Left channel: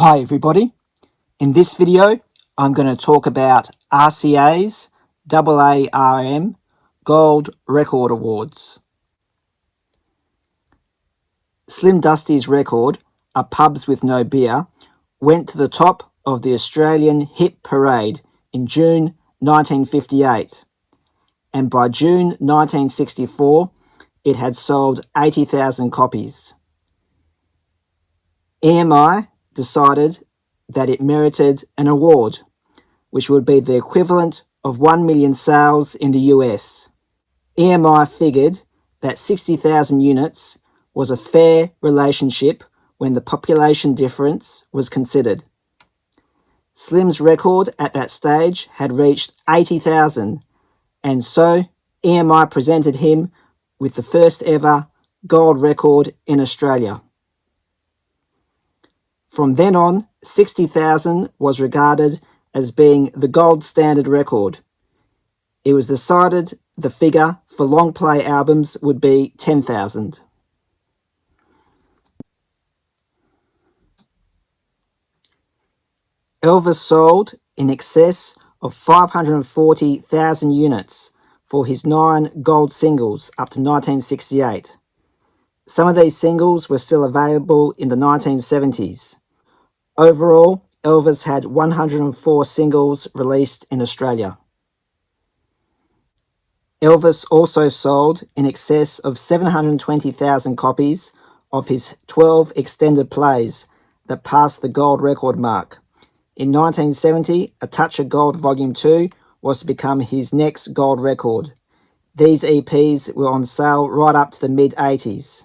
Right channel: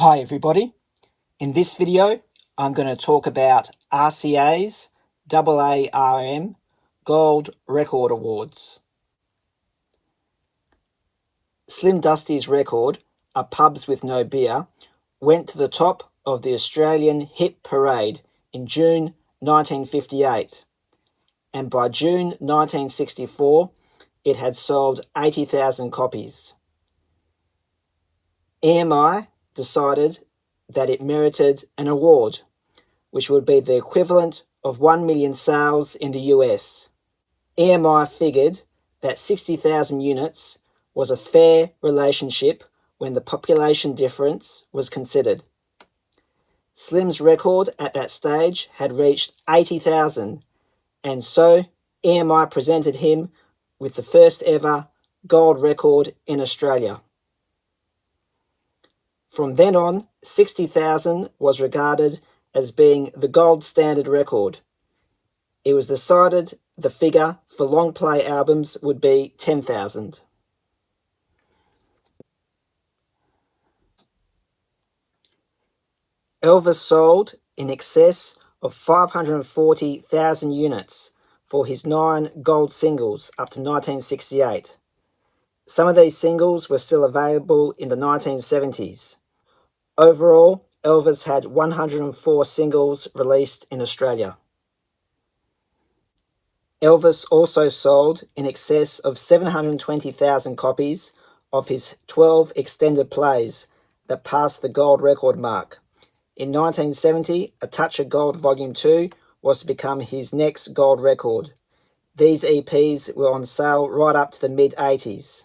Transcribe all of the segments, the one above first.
Hi everybody, in this video I'm going to talk about RCA's A.A.R.M Gold Record Awards. Slim Dusty's record, A Pubs with No Beer, went to the top of the Australian Hit Parade in June 1958, and by June 1964 it had sold 80,000 copies. EMI decided that it merited an award, which would be the equivalent of 1 million sales in the US. EMI figured that 60,000 units was a fair relationship when the population difference was considered. Slim's record at that stage had reached 80,000, and so EMI presented him with the first ever gold record in Australia. From then on, 60,000 was regarded as being the gold standard record. It was decided the figure for long play albums would be 10,000. Elvis sold in excess of 540,000 units for his 9 gold singles up to 1968. Some of these singles were still available in the 1970s. Overall, Elvis had 104 singles released in Australia. Elvis also sold in excess of 720,000 copies of his 12 extended plays that passed the gold record mark. In 1970, A Touch of Gold Volume 2 was to become his next gold record. These EPs were on sale right up to the mid-80s,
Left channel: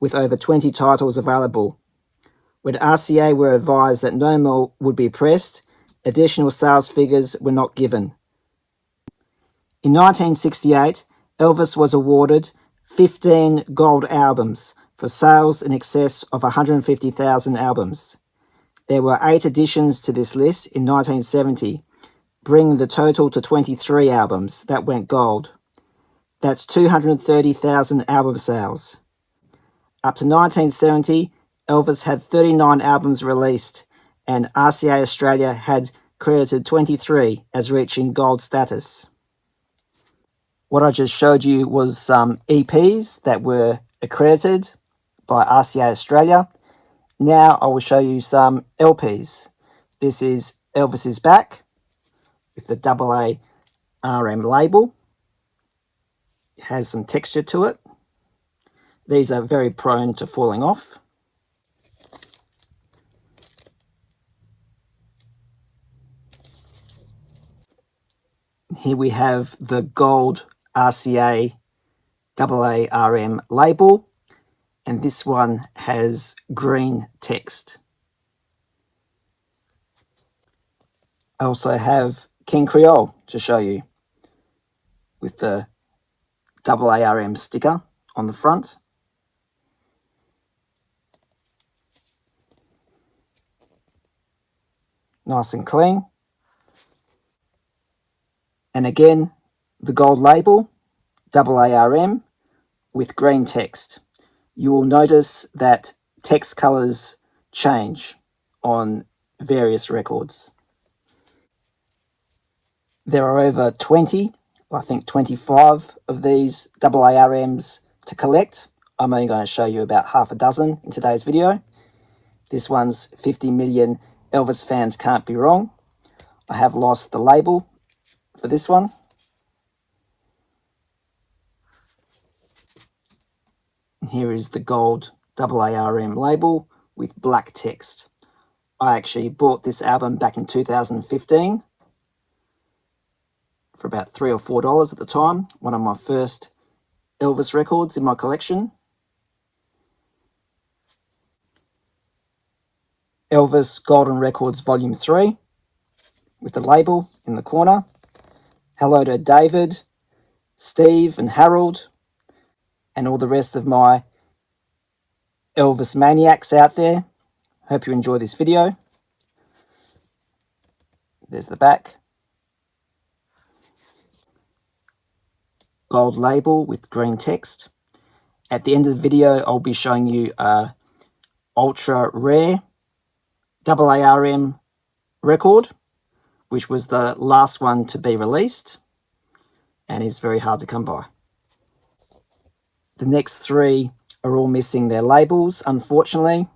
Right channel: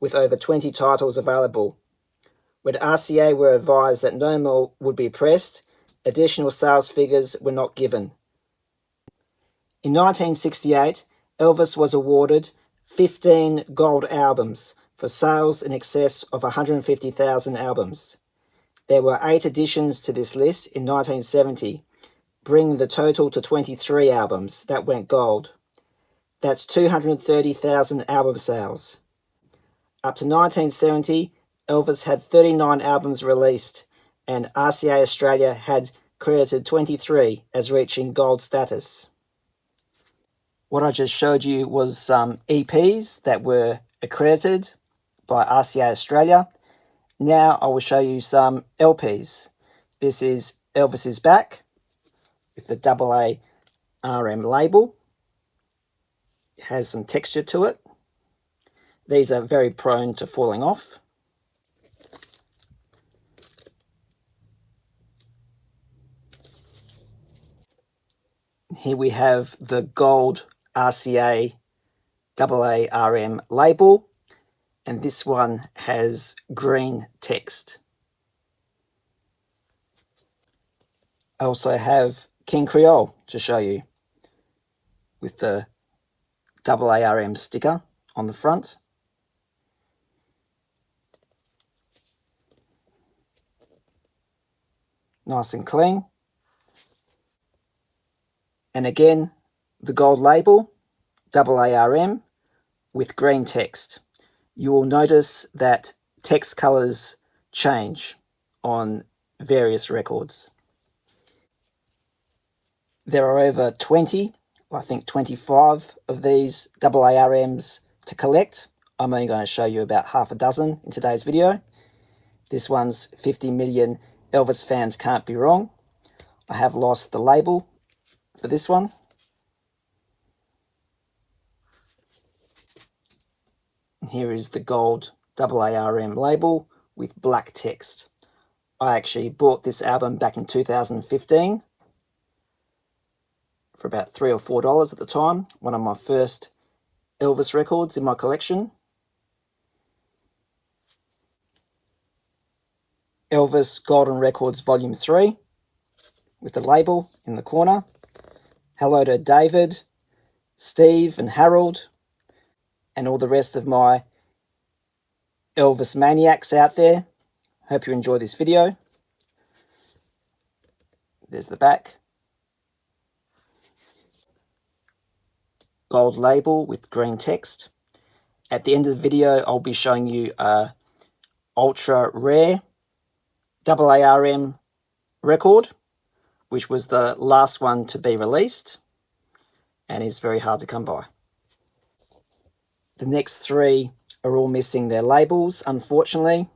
with over 20 titles available. When RCA were advised that no more would be pressed, additional sales figures were not given. In 1968, Elvis was awarded 15 gold albums for sales in excess of 150,000 albums. There were 8 additions to this list in 1970, bringing the total to 23 albums that went gold. That's 230,000 album sales. Up to 1970, Elvis had 39 albums released, and RCA Australia had credited 23 as reaching gold status. What I just showed you was some EPs that were accredited by RCA Australia. Now I will show you some LPs. This is Elvis Is Back with the A.A.R.M label. It has some texture to it. These are very prone to falling off. Here we have the gold RCA A.A.R.M label, and this one has green text. I also have King Creole to show you with the A.A.R.M sticker on the front. Nice and clean. And again, the gold label, A.A.R.M, with green text. You will notice that text colours change on various records. There are over 20, I think 25 of these A.A.R.Ms to collect. I'm only going to show you about half a dozen in today's video. This one's 50 million Elvis fans can't be wrong. I have lost the label for this one. Here is the gold A.A.R.M label with black text. I actually bought this album back in 2015 for about $3 or $4 at the time. One of my first Elvis records in my collection. Elvis Golden Records Volume 3 with the label in the corner. Hello to David, Steve and Harold, and all the rest of my Elvis maniacs out there. Hope you enjoy this video. There's the back. Gold label with green text. At the end of the video, I'll be showing you a ultra rare A.A.R.M record, which was the last one to be released and is very hard to come by. The next three are all missing their labels, unfortunately.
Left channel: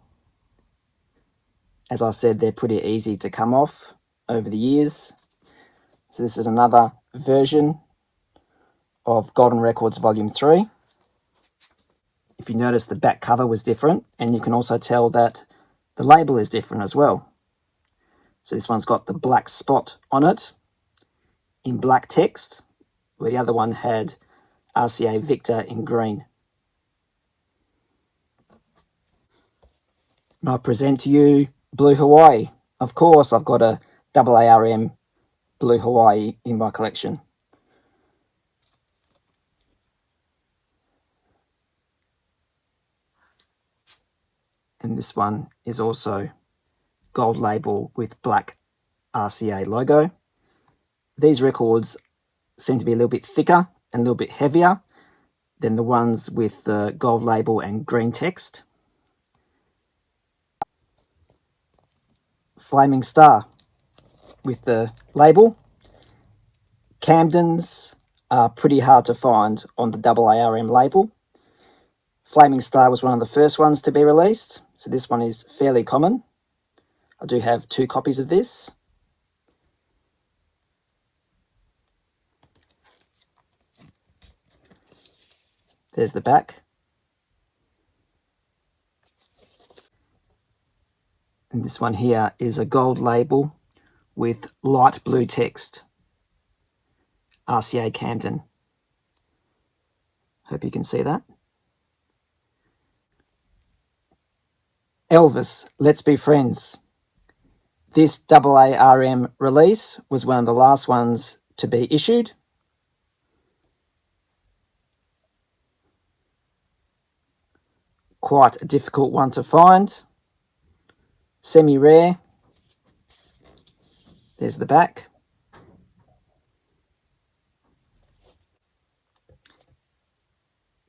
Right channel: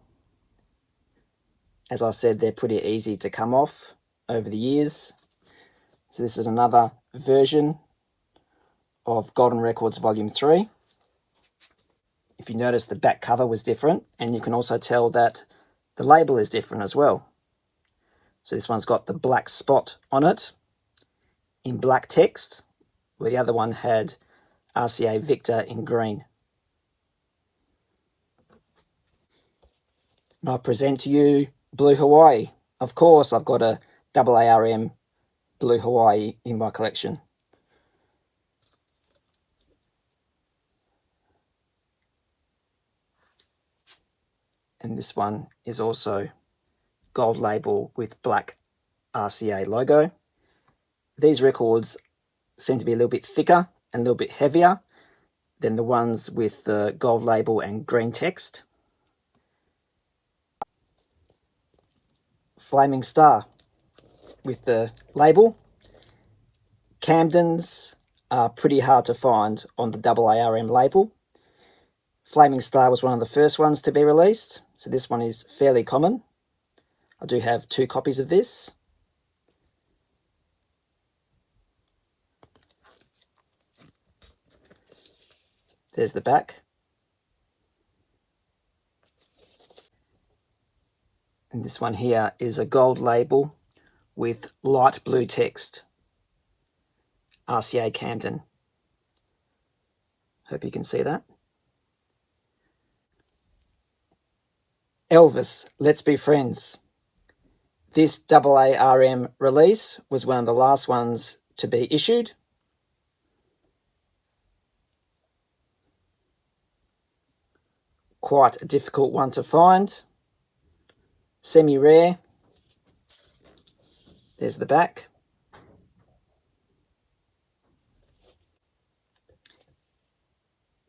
As I said, they're pretty easy to come off over the years. So this is another version of Golden Records Volume 3. If you notice, the back cover was different, and you can also tell that the label is different as well. So this one's got the black spot on it in black text, where the other one had RCA Victor in green. And I present to you Blue Hawaii. Of course, I've got a A.A.R.M Blue Hawaii in my collection. And this one is also gold label with black RCA logo. These records seem to be a little bit thicker and a little bit heavier than the ones with the gold label and green text. Flaming Star with the label. Camdens are pretty hard to find on the A.A.R.M label. Flaming Star was one of the first ones to be released, so this one is fairly common. I do have 2 copies of this. There's the back. And this one here is a gold label with light blue text. RCA Camden. Hope you can see that. Elvis, Let's Be Friends. This A.A.R.M release was one of the last ones to be issued. Quite a difficult one to find. Semi-rare. There's the back.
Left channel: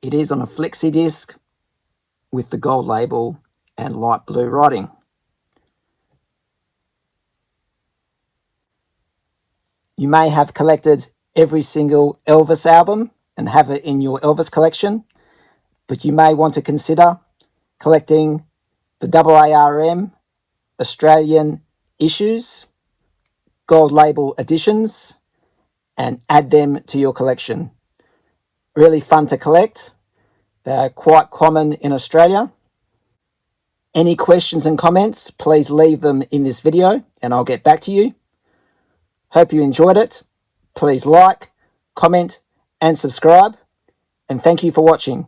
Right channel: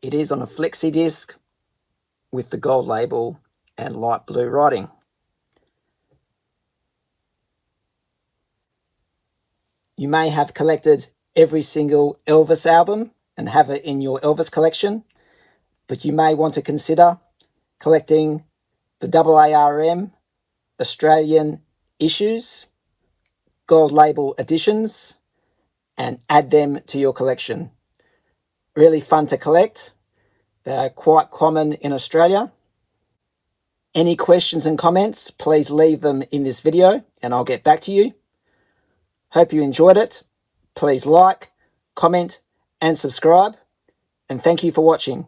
It is on a flexi disc with the gold label and light blue writing. You may have collected every single Elvis album and have it in your Elvis collection, but you may want to consider collecting the A.A.R.M Australian issues, gold label editions, and add them to your collection. Really fun to collect. They're quite common in Australia. Any questions and comments, please leave them in this video and I'll get back to you. Hope you enjoyed it. Please like, comment, and subscribe. And thank you for watching.